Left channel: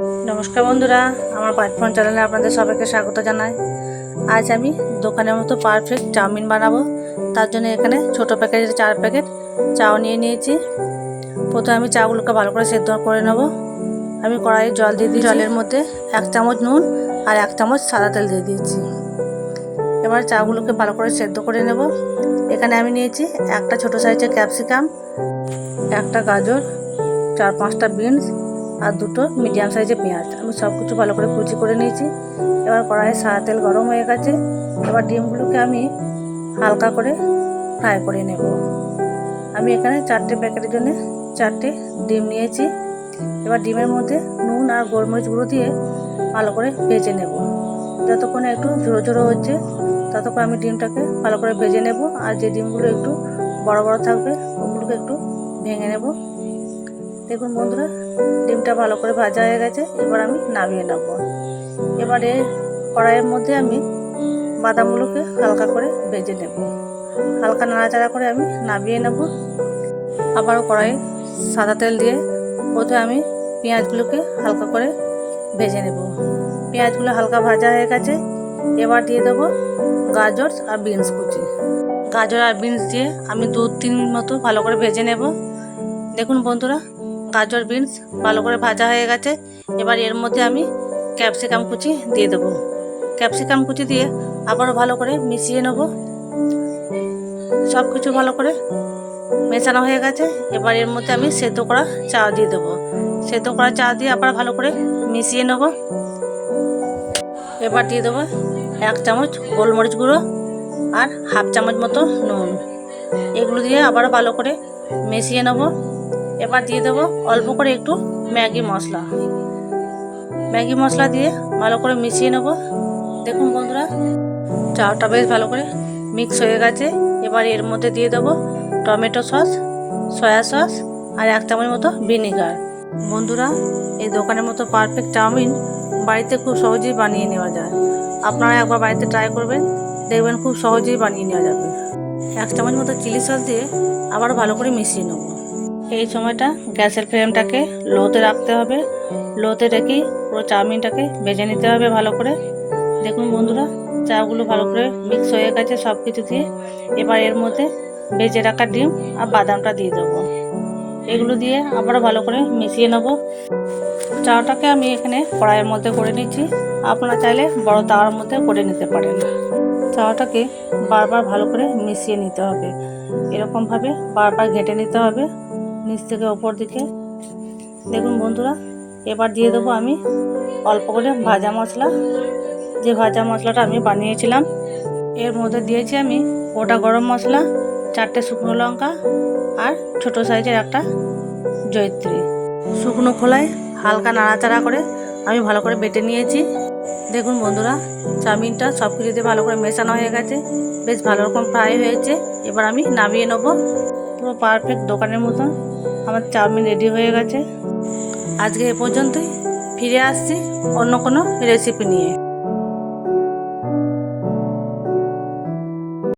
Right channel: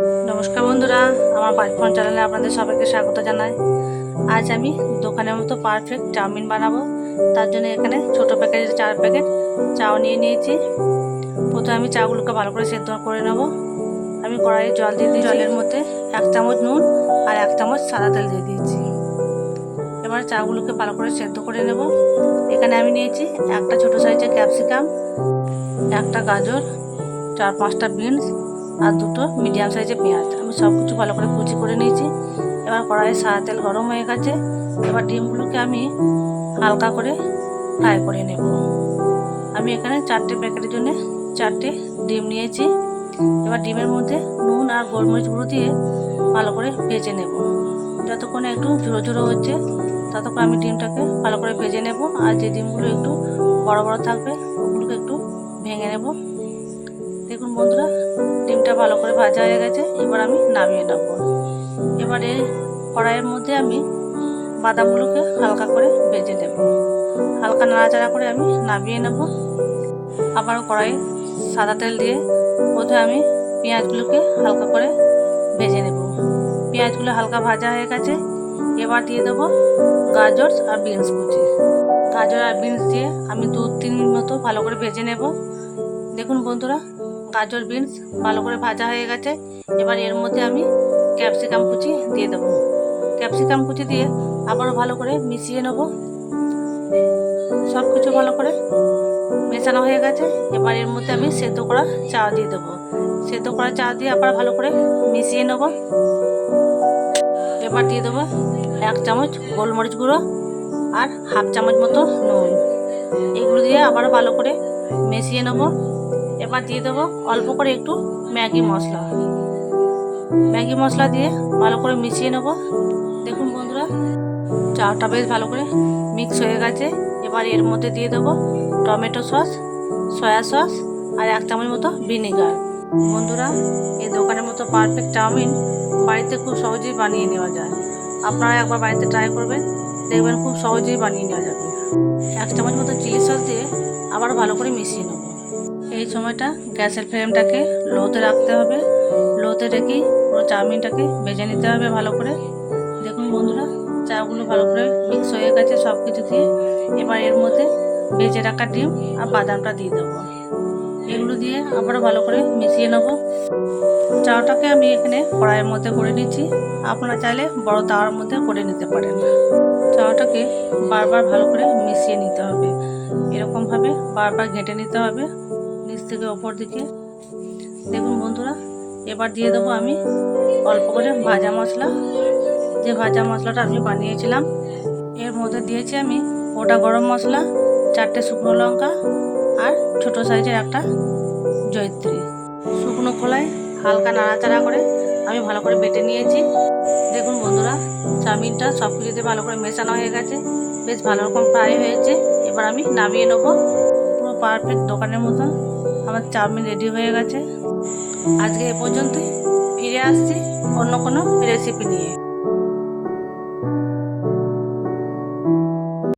নমস্কার বন্ধুরা আমার পাঁচফোন চ্যানেলে আপনাদের সবাইকে স্বাগত জানাই। আজ আমি দোকানের মতো পারফেক্ট চাউমিন বানাবো। তার জন্য এখানে ছোট প্যাকেটের চার প্যাকেট চাও নিয়ে নিয়েছি। প্রথমে আমি চাগুলোকে ভালো করে সেদ্ধ করে নেব। আমি কড়াইয়ে জল দিয়ে দিই জলের মধ্যে এক চামচ নুন আর এক চামচ সাদা তেল দিয়ে দিয়েছি। এবার চাগুলোকে ভালো করে সেদ্ধ করে নেব। এখানে আমি নিয়েছি একটা ছোট সাইজের ক্যাপসিকাম একটা গাজর চার পাঁচটা বিনস আর দুটো মিডিয়াম সাইজের পেঁয়াজ। আমি সব কিছু ভালো করে কুচি করে নিয়েছি। এবার কড়াইয়ে সাদা তেল গরম হয়ে গেছে। এবার ডিমগুলোকে আমি হালকা করে ফ্রাই করে নেব। আমি এখানে চারটে প্যাকেটের জন্য চারটে ডিম নিয়েছি। এবার ডিমের মধ্যে নুন আর গোলমরিচ গুঁড়ো দিয়ে ভালো করে ভেজে নেব। যতক্ষণে একটু ঝুড়ো ঝুড়ো হচ্ছে, ততক্ষণ আমি ডিমটাকে ভালো করে ভেজে নেব। আর যে ডিমগুলো একটু বড় বড় থাকবে, ওগুলোকে একটু ভেঙে নেব। দেখুন বন্ধুরা, ডিমটা ভালো করে ভাজা হয়ে গেছে, এবার আমি নামিয়ে নেব। এবারে কড়াইয়ের মধ্যে আমি বাদামগুলোকে হালকা করে ভেজে নেব। হালকা নাড়াচাড়া করে আমি নামিয়ে নেব। আবারও কড়াই সাদা তেল দিয়ে প্রথমে আমি পেঁয়াজগুলোকে হালকা করে ভেজে নেব। পেঁয়াজগুলো হালকা ভাজা হয়ে গেছে, এবার দিয়ে দেবো গাজর আর বিনস কুচি। গাজর আর বিনস দিয়ে আমি দু তিন মিনিট মতো ভালো করে ভেজে নেব। দেখুন বন্ধুরা গাজর, বিনস ভালো করে ভাজা হয়ে গেছে। এবার এর মধ্যে আমি ক্যাপসিকাম কুচি দিয়ে দেবো। ক্যাপসিকাম কুচি দিয়ে আবারও ভালো করে মিশিয়ে নেব। সব কিছু ভালো করে মেশানো হয়ে গেছে। এবার এর মধ্যে আমি সেদ্ধ করা চা দিয়ে দেবো। সেদ্ধ করা চা দিয়ে আবার ভালো করে মিশিয়ে নেব। এবার দিয়ে দেবো এক চামচ গোলমরিচ গুঁড়ো আর হাফ চামচ মতো নুন। এগুলো দিয়ে আবার ভালো করে মিশিয়ে নেব। এবার দিয়ে দেবো অল্প করে একটু ম্যাগি মশলা। ম্যাগি মশলা দিয়ে ভালো করে মিশিয়ে নেব। দেখুন বন্ধুরা, চাটা বেশ ভালো করে মিক্স হয়ে গেছে। এবার এর মধ্যে দিয়ে দেবো টমেটো সস, সয়া সস আর এক চামচ মতো ভিনিগার। বন্ধুরা, এই দোকানের মতো পারফেক্ট চাউমিন বাড়িতে খুব সহজেই বানিয়ে নেওয়া যায়। আপনারা একবার বাড়িতে ট্রাই করবেন, দেখবেন খুব সহজেই বানিয়ে নেওয়া যাবে। এক চামচ মতো চিলি সস দিয়ে আবার ভালো করে মিশিয়ে নেব। এই সময়টা গ্যাসের ফ্লেমটাকে লোতে রাখতে হবে। লোতে রেখেই পুরো চাউমিনটাকে ভেজে নিতে হবে ভালো করে। দেখুন বন্ধুরা চাগুলো ভালো করে মিক্স হয়ে গেছে সব কিছু দিয়ে। এবার এর মধ্যে ভেজে রাখা ডিম আর বাদামটা দিয়ে দেবো। এগুলো দিয়ে আবারও ভালো করে মিশিয়ে নেব। চাটাকে আমি এখানে কড়াইয়ের মধ্যে করে নিচ্ছি। আপনারা চাইলে বড় তাওয়ার মধ্যে করে নিতে পারেন। চাটাকে বারবার ভালো করে মিশিয়ে নিতে হবে। এরকমভাবে বারবার ঘেঁটে নিতে হবে। নিচ থেকে ওপর দিকে। দেখুন বন্ধুরা, এবার দিয়ে দেবো আমি অল্প করে ভাজা মশলা। যে ভাজা মশলাটা আমি বানিয়েছিলাম, এর মধ্যে দিয়েছি আমি গোটা গরম মশলা, চারটে শুকনো লঙ্কা আর ছোট সাইজের একটা জয়িত্রী। শুকনো খোলায় হালকা নাড়াচাড়া করে আমি ভালো করে বেটে নিয়েছি। দেখুন বন্ধুরা, চাউমিনটা সব কিছুতে ভালো করে মেশানো হয়ে গেছে, বেশ ভালো রকম ফ্রাই হয়েছে। এবার আমি নামিয়ে নেব পুরো পারফেক্ট দোকানের মতন। আমার চাউমিন রেডি হয়ে গেছে। আজকে এ পর্যন্তই। ফিরে আসছি অন্য কোনো রেসিপি নিয়ে।